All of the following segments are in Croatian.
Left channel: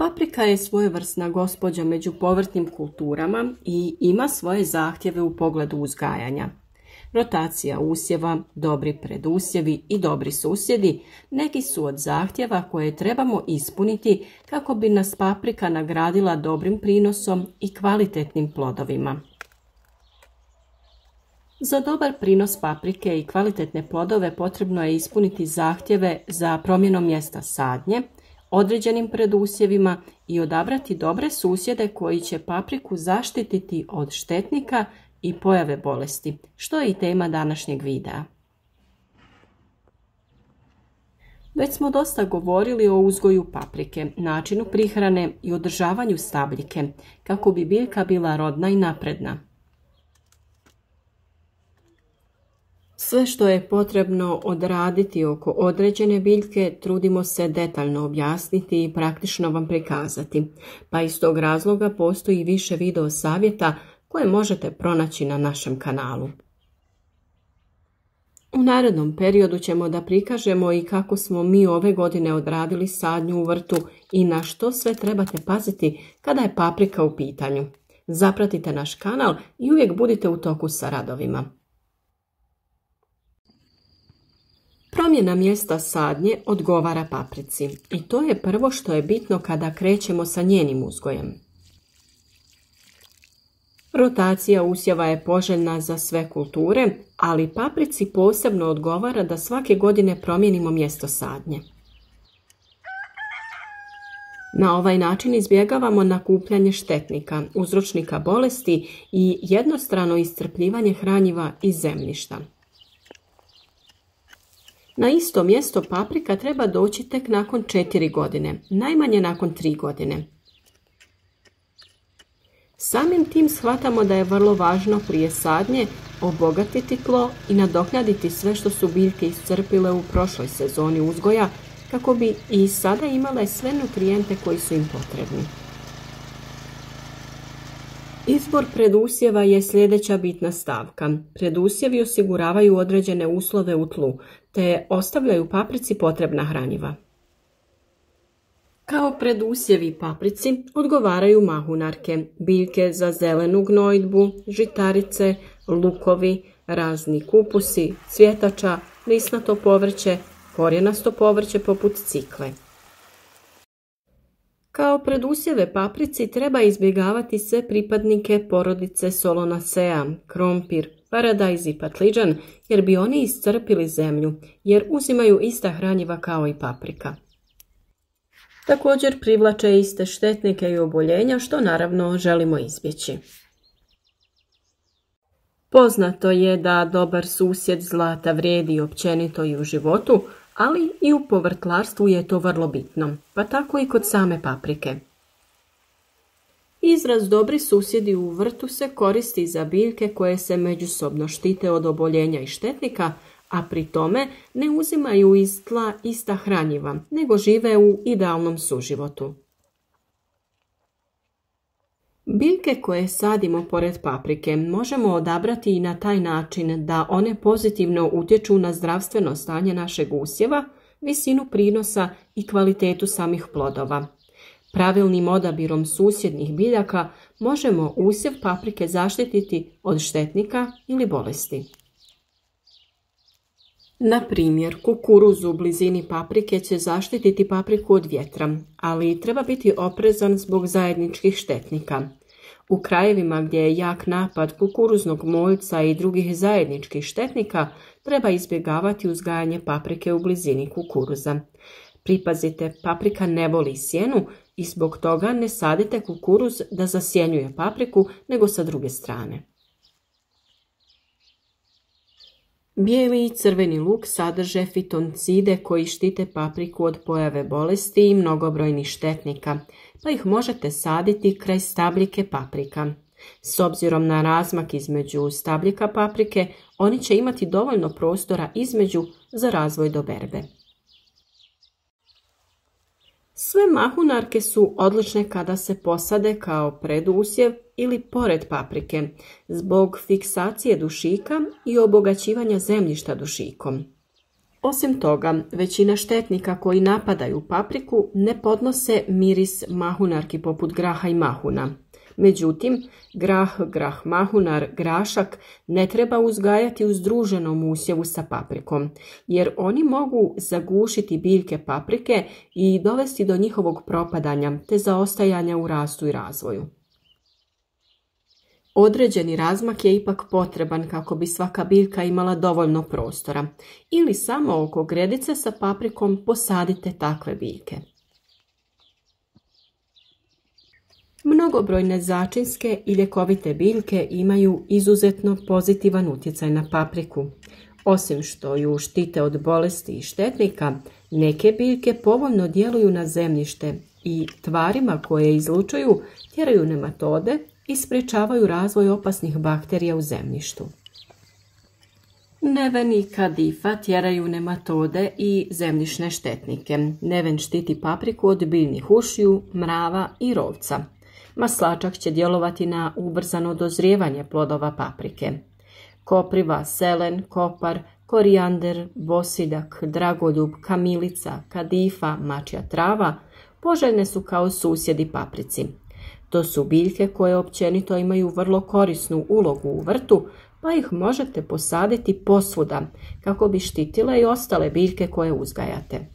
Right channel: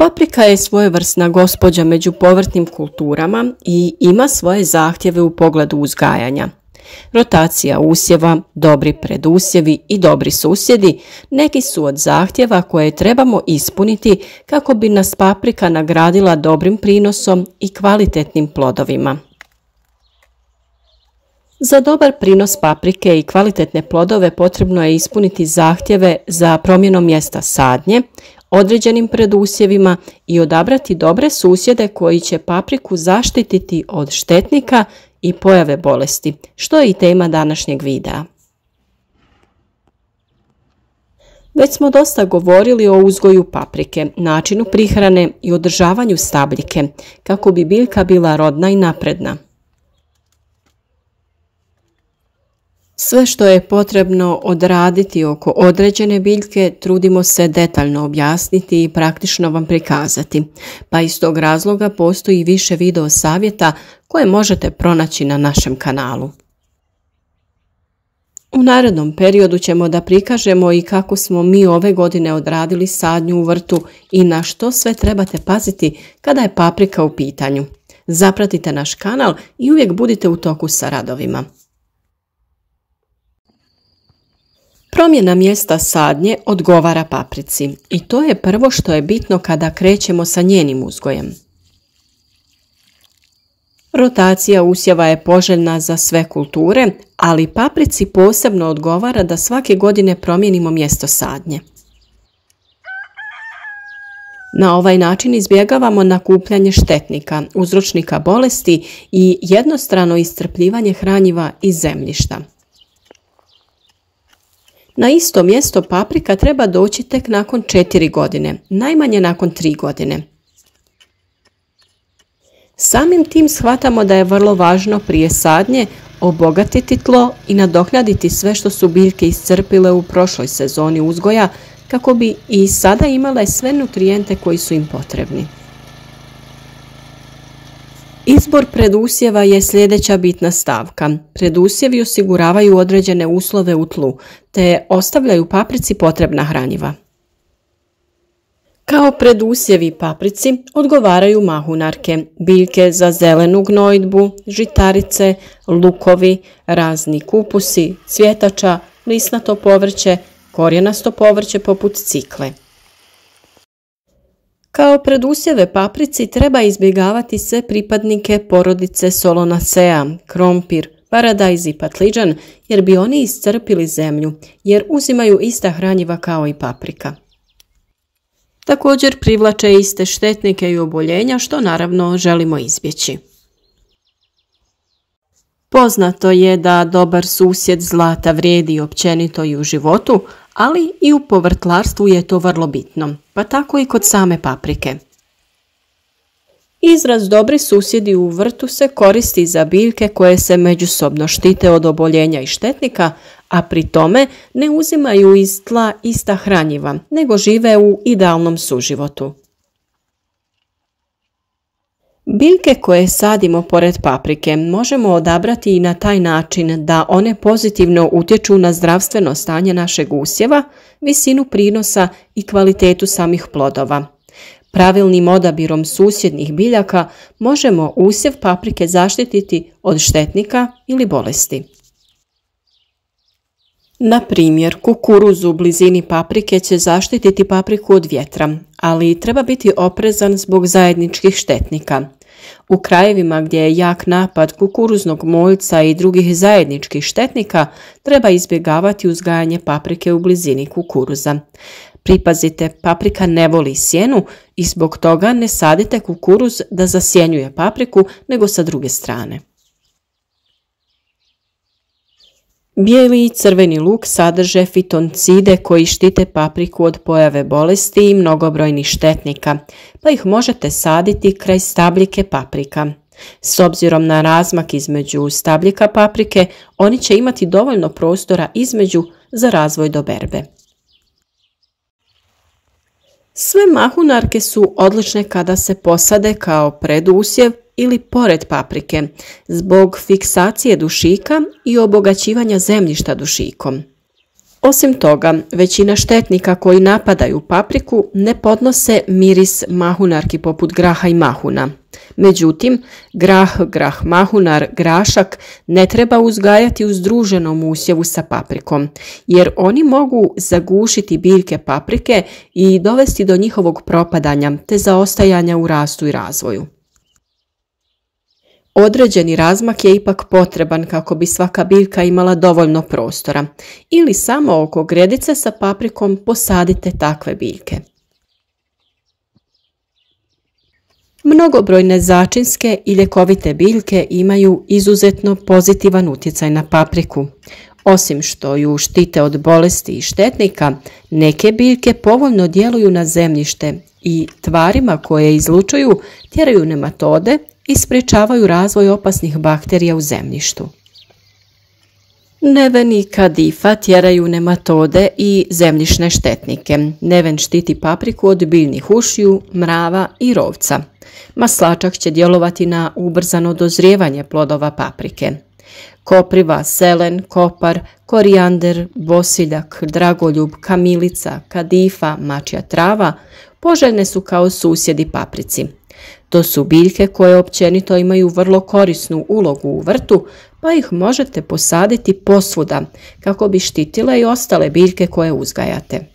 Paprika je svojevrsna gospođa među povrtnim kulturama i ima svoje zahtjeve u pogledu uzgajanja. Rotacija usjeva, dobri predusjevi i dobri susjedi neki su od zahtjeva koje trebamo ispuniti kako bi nas paprika nagradila dobrim prinosom i kvalitetnim plodovima. Za dobar prinos paprike i kvalitetne plodove potrebno je ispuniti zahtjeve za promjenom mjesta sadnje, određenim predusjevima i odabrati dobre susjede koji će papriku zaštititi od štetnika i pojave bolesti, što je i tema današnjeg videa. Već smo dosta govorili o uzgoju paprike, načinu prihrane i održavanju stabljike, kako bi biljka bila rodna i napredna. Sve što je potrebno odraditi oko određene biljke trudimo se detaljno objasniti i praktično vam prikazati, pa iz tog razloga postoji više video savjeta koje možete pronaći na našem kanalu. U narednom periodu ćemo da prikažemo i kako smo mi ove godine odradili sadnju u vrtu i na što sve trebate paziti kada je paprika u pitanju. Zapratite naš kanal i uvijek budite u toku sa radovima. Promjena mjesta sadnje odgovara paprici i to je prvo što je bitno kada krećemo sa njenim uzgojem. Rotacija usjeva je poželjna za sve kulture, ali paprici posebno odgovara da svake godine promijenimo mjesto sadnje. Na ovaj način izbjegavamo nakupljanje štetnika, uzročnika bolesti i jednostrano iscrpljivanje hranjiva iz zemljišta. Na isto mjesto paprika treba doći tek nakon 4 godine, najmanje nakon 3 godine. Samim tim shvatamo da je vrlo važno prije sadnje obogatiti tlo i nadoknaditi sve što su biljke iscrpile u prošloj sezoni uzgoja kako bi i sada imale sve nutrijente koji su im potrebni. Izbor predusjeva je sljedeća bitna stavka. Predusjevi osiguravaju određene uslove u tlu, te ostavljaju paprici potrebna hranjiva. Kao predusjevi paprici odgovaraju mahunarke, biljke za zelenu gnojidbu, žitarice, lukovi, razni kupusi, cvjetača, lisnato povrće, korijenasto povrće poput cikle. Kao predusjeve paprici treba izbjegavati sve pripadnike porodice Solonacea, krompir, paradajz i patliđan jer bi oni iscrpili zemlju jer uzimaju ista hranjiva kao i paprika. Također privlače iste štetnike i oboljenja što naravno želimo izbjeći. Poznato je da dobar susjed zlata vrijedi općenito i u životu, ali i u povrtlarstvu je to vrlo bitno, pa tako i kod same paprike. Izraz dobri susjedi u vrtu se koristi za biljke koje se međusobno štite od oboljenja i štetnika, a pri tome ne uzimaju iz tla ista hranjiva, nego žive u idealnom suživotu. Biljke koje sadimo pored paprike možemo odabrati i na taj način da one pozitivno utječu na zdravstveno stanje našeg usjeva, visinu prinosa i kvalitetu samih plodova. Pravilnim odabirom susjednih biljaka možemo usjev paprike zaštititi od štetnika ili bolesti. Na primjer, kukuruz u blizini paprike će zaštititi papriku od vjetra, ali treba biti oprezan zbog zajedničkih štetnika. U krajevima gdje je jak napad kukuruznog moljca i drugih zajedničkih štetnika treba izbjegavati uzgajanje paprike u blizini kukuruza. Pripazite, paprika ne voli sjenu i zbog toga ne sadite kukuruz da zasjenjuje papriku, nego sa druge strane. Bijeli i crveni luk sadrže fitoncide koji štite papriku od pojave bolesti i mnogobrojnih štetnika, pa ih možete saditi kraj stabljike paprika. S obzirom na razmak između stabljika paprike, oni će imati dovoljno prostora između za razvoj do berbe. Sve mahunarke su odlične kada se posade kao predusjev ili pored paprike, zbog fiksacije dušika i obogaćivanja zemljišta dušikom. Osim toga, većina štetnika koji napadaju papriku ne podnose miris mahunarki poput graha i mahuna. Međutim, grah mahunar, grašak ne treba uzgajati u združenom usjevu sa paprikom, jer oni mogu zagušiti biljke paprike i dovesti do njihovog propadanja te zaostajanja u rastu i razvoju. Određeni razmak je ipak potreban kako bi svaka biljka imala dovoljno prostora, ili samo oko gredice sa paprikom posadite takve biljke. Mnogobrojne začinske i ljekovite biljke imaju izuzetno pozitivan utjecaj na papriku. Osim što ju štite od bolesti i štetnika, neke biljke povoljno djeluju na zemljište i tvarima koje izlučuju tjeraju nematode i sprječavaju razvoj opasnih bakterija u zemljištu. Neven i kadifa tjeraju nematode i zemljišne štetnike. Neven štiti papriku od biljnih ušiju, mrava i rovca. Maslačak će djelovati na ubrzano dozrijevanje plodova paprike. Kopriva, selen, kopar, korijander, bosiljak, dragoljub, kamilica, kadifa, mačja trava poželjne su kao susjedi paprici. To su biljke koje općenito imaju vrlo korisnu ulogu u vrtu, pa ih možete posaditi posvuda kako bi štitile i ostale biljke koje uzgajate.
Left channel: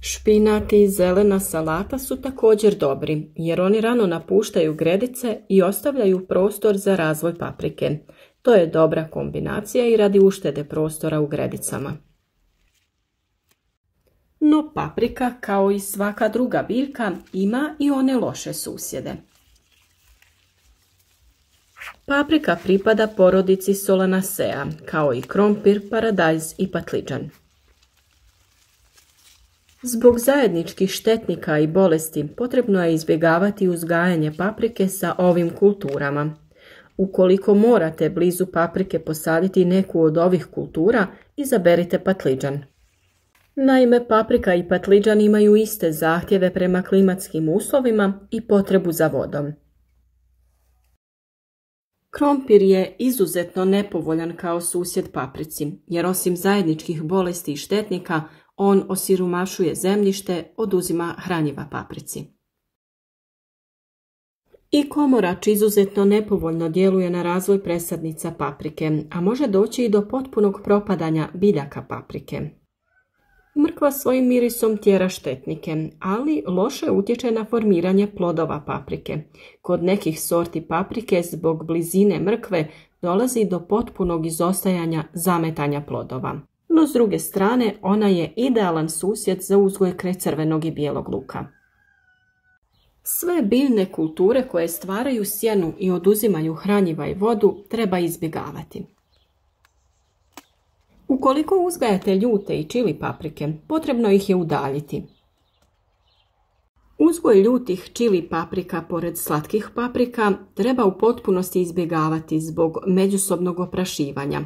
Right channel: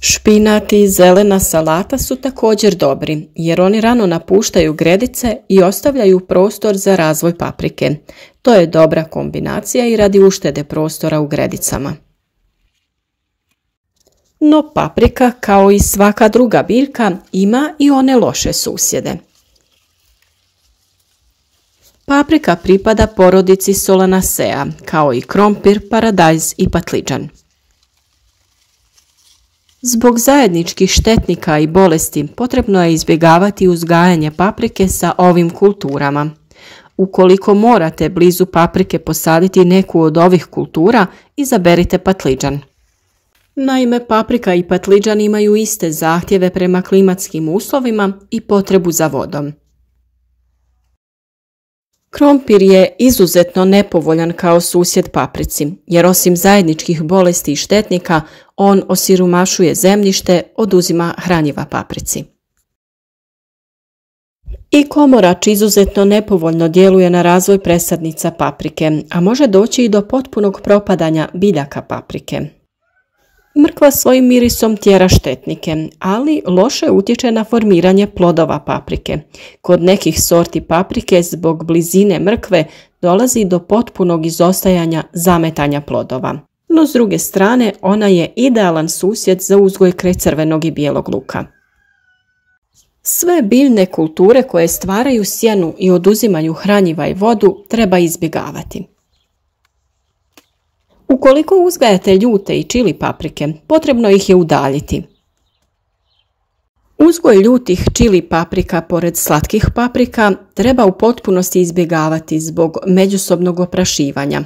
Špinat i zelena salata su također dobri, jer oni rano napuštaju gredice i ostavljaju prostor za razvoj paprike. To je dobra kombinacija i radi uštede prostora u gredicama. No paprika, kao i svaka druga biljka, ima i one loše susjede. Paprika pripada porodici Solanaceae, kao i krompir, paradajz i patliđan. Zbog zajedničkih štetnika i bolesti potrebno je izbjegavati uzgajanje paprike sa ovim kulturama. Ukoliko morate blizu paprike posaditi neku od ovih kultura, izaberite patliđan. Naime, paprika i patliđan imaju iste zahtjeve prema klimatskim uslovima i potrebu za vodom. Krompir je izuzetno nepovoljan kao susjed paprici, jer osim zajedničkih bolesti i štetnika, on osiromašuje zemljište, oduzima hranjiva paprici. I komorač izuzetno nepovoljno djeluje na razvoj presadnica paprike, a može doći i do potpunog propadanja biljaka paprike. Mrkva svojim mirisom tjera štetnike, ali loše utječe na formiranje plodova paprike. Kod nekih sorti paprike zbog blizine mrkve dolazi do potpunog izostajanja zametanja plodova. No s druge strane, ona je idealan susjed za uzgoj crvenog i bijelog luka. Sve biljne kulture koje stvaraju sjenu i oduzimaju hranjiva i vodu treba izbjegavati. Ukoliko uzgajate ljute i čili paprike, potrebno ih je udaljiti. Uzgoj ljutih čili paprika pored slatkih paprika treba u potpunosti izbjegavati zbog međusobnog oprašivanja.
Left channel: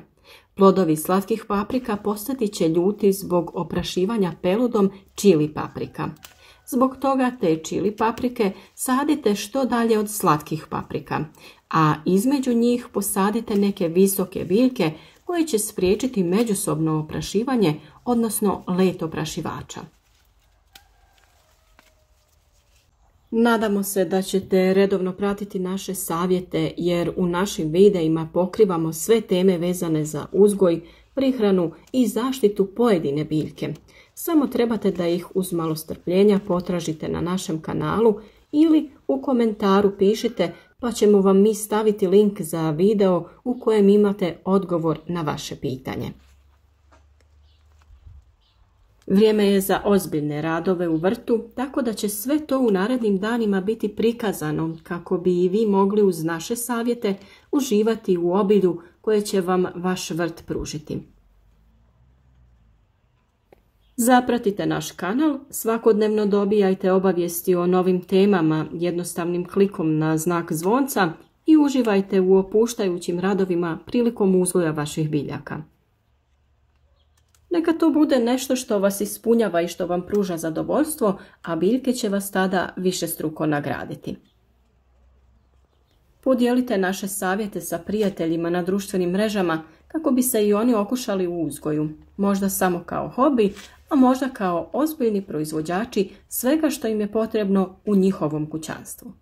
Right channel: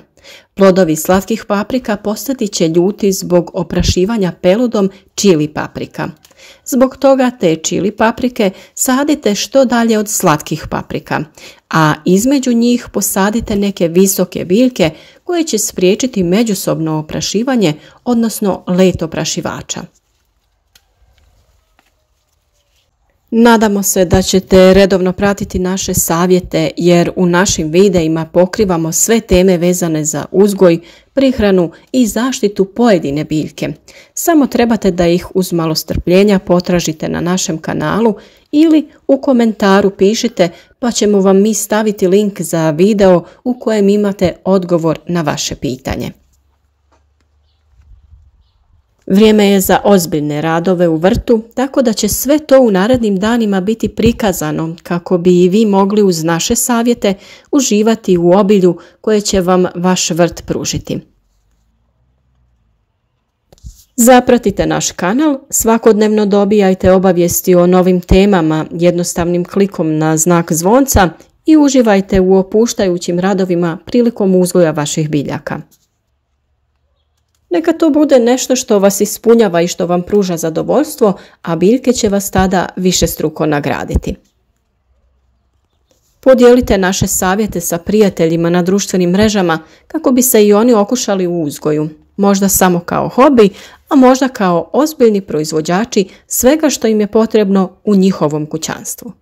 Plodovi slatkih paprika postati će ljuti zbog oprašivanja peludom čili paprika. Zbog toga te čili paprike sadite što dalje od slatkih paprika, a između njih posadite neke visoke biljke koje će spriječiti međusobno oprašivanje, odnosno let oprašivača. Nadamo se da ćete redovno pratiti naše savjete, jer u našim videima pokrivamo sve teme vezane za uzgoj, prihranu i zaštitu pojedine biljke. Samo trebate da ih uz malo strpljenja potražite na našem kanalu ili u komentaru pišite, pa ćemo vam mi staviti link za video u kojem imate odgovor na vaše pitanje. Vrijeme je za ozbiljne radove u vrtu, tako da će sve to u narednim danima biti prikazano kako bi i vi mogli uz naše savjete uživati u obilju koje će vam vaš vrt pružiti. Zapratite naš kanal, svakodnevno dobijajte obavijesti o novim temama jednostavnim klikom na znak zvonca i uživajte u opuštajućim radovima prilikom uzgoja vaših biljaka. Neka to bude nešto što vas ispunjava i što vam pruža zadovoljstvo, a biljke će vas tada višestruko nagraditi. Podijelite naše savjete sa prijateljima na društvenim mrežama kako bi se i oni okušali u uzgoju, možda samo kao hobi, a možda kao ozbiljni proizvođači svega što im je potrebno u njihovom kućanstvu.